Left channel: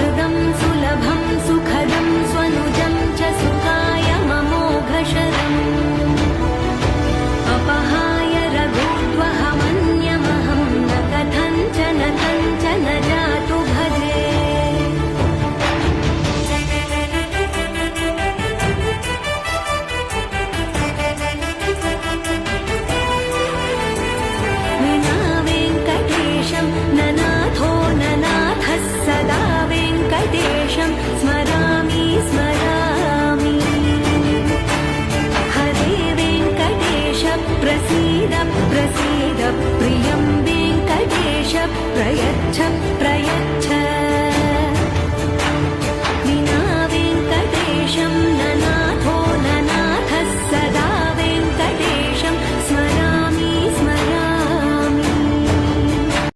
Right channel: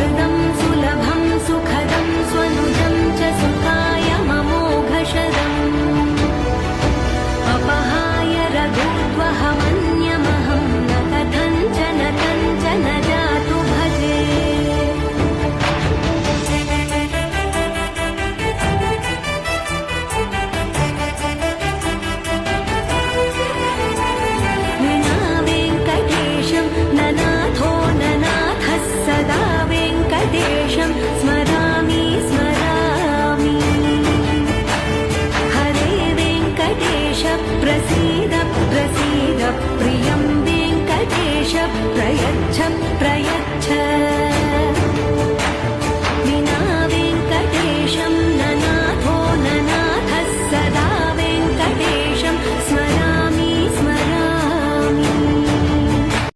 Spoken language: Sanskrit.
सुहृदं सुलभं सुखदं स्वनुजं च सुखायममोघशरम् अपहाय रघुद्वहमन्यमहं न कथञ्चन कञ्चन जातु भजे विना वेङ्कटेशं ननाथो ननाथः सदा वेङ्कटेशं स्मरामि स्मरामि हरे वेङ्कटेश प्रसीद प्रसीद प्रियं वेङ्कटेश प्रयच्छ प्रयच्छ